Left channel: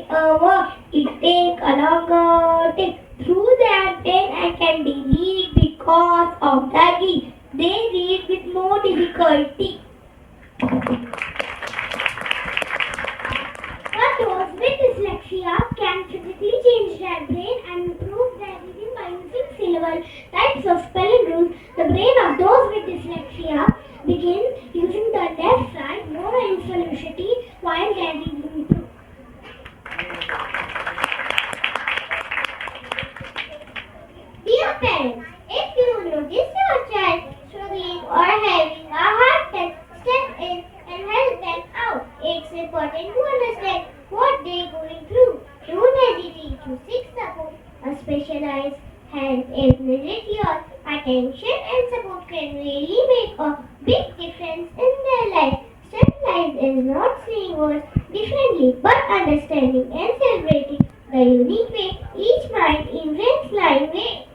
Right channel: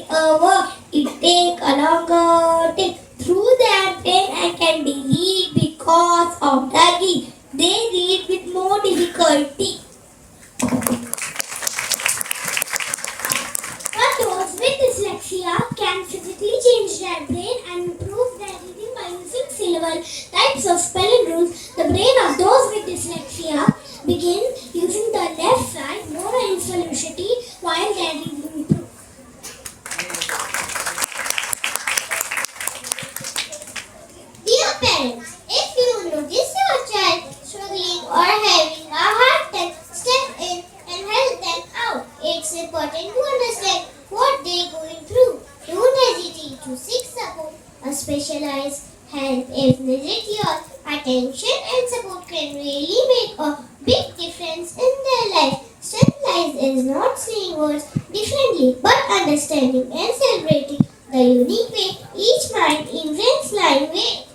read a word, it takes a longer time through their brain and can be read because of lagging. They read with more difficulty. But those with dyslexia can physically change their brain and improve their reading by using several types of spelling rules. The brain of those with dyslexia begin using the left side more velocity while their reading improves. Dear parents, if you notice your child struggling or having a hard time, step in and help them out. It's important to understand what they're going through. Don't hesitate to seek support. A specialized help is needed. Your attention and support can really make a big difference in their life. Strength lies is not saying words differently, but understanding and celebrating the unique way each mind invents language.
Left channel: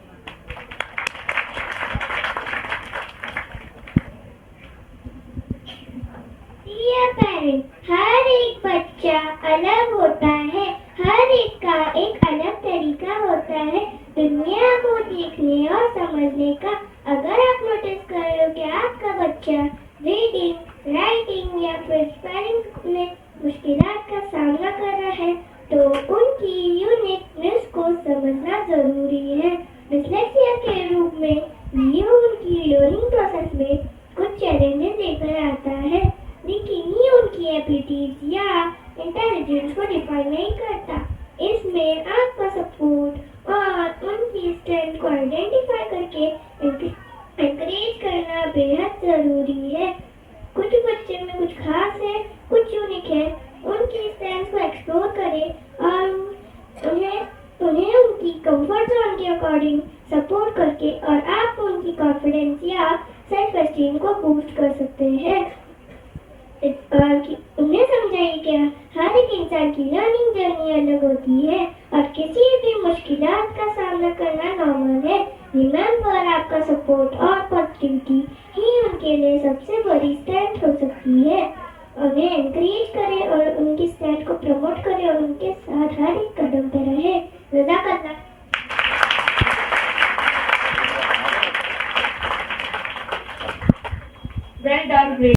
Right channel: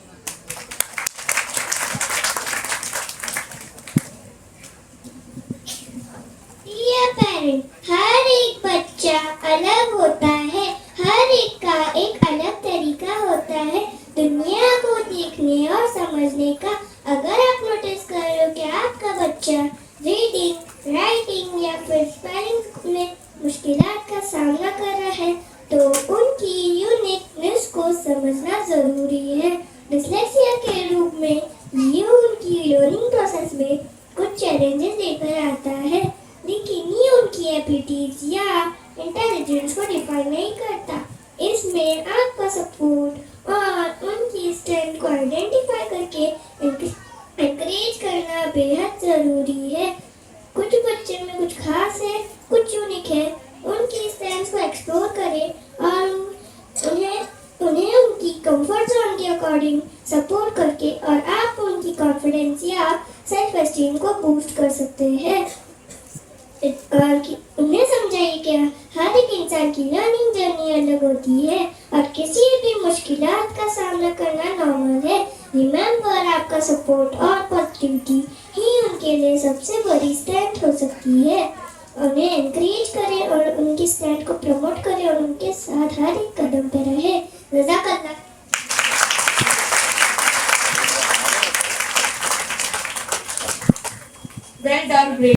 Dear parent, हर एक बच्चा अलग होता है, हर एक का एक अलग तरीका होता है दुनिया को देखने और समझने का। अगर आप नोटिस करो कि आपका बच्चा रीडिंग, राइटिंग या फिर स्पेलिंग में मुश्किलात का सामना कर रहा है तो उनकी यूनिकनेस को समझना जरूरी है। डिसलेक्सिया के रूप में ये उनकी लर्निंग प्रोसेस में कुछ चैलेंजेस लेकर आता है, लेकिन ये उनकी एबिलिटीज या इंटेलिजेंस को डिफाइन नहीं करता। इसमें आपका सपोर्ट और उनकी स्ट्रेंथ को आइडेंटिफाई करके एनकरेज करना बेहद ज़रूरी है। कुछ बच्चे में कुछ खास है, कुछ यूनिक है, उनकी स्ट्रेंथ्स को एक्सप्लोर करें और उन्हें उनकी कंफर्ट जोन के अकॉर्डिंग सपोर्ट करके और आप उनकी कॉन्फिडेंस या सेल्फ एस्टीम को बूस्ट कर सकते हैं। उन्हें समझाइए कि हर एक इंसान की लर्निंग जर्नी अलग होती है और किसी भी मुश्किलात का सामना करना नॉर्मल है। रिमेंबर, आपका सपोर्ट और पॉजिटिविटी ही उनके लिए सबसे बड़ी स्ट्रेंथ हो सकती है। उन्हें एनकरेज करें और उनकी स्ट्रेंथ को प्रमोट करें और उनके साथ हर एक कदम पर रहे। जज़ाकल्लाह। Well done, great.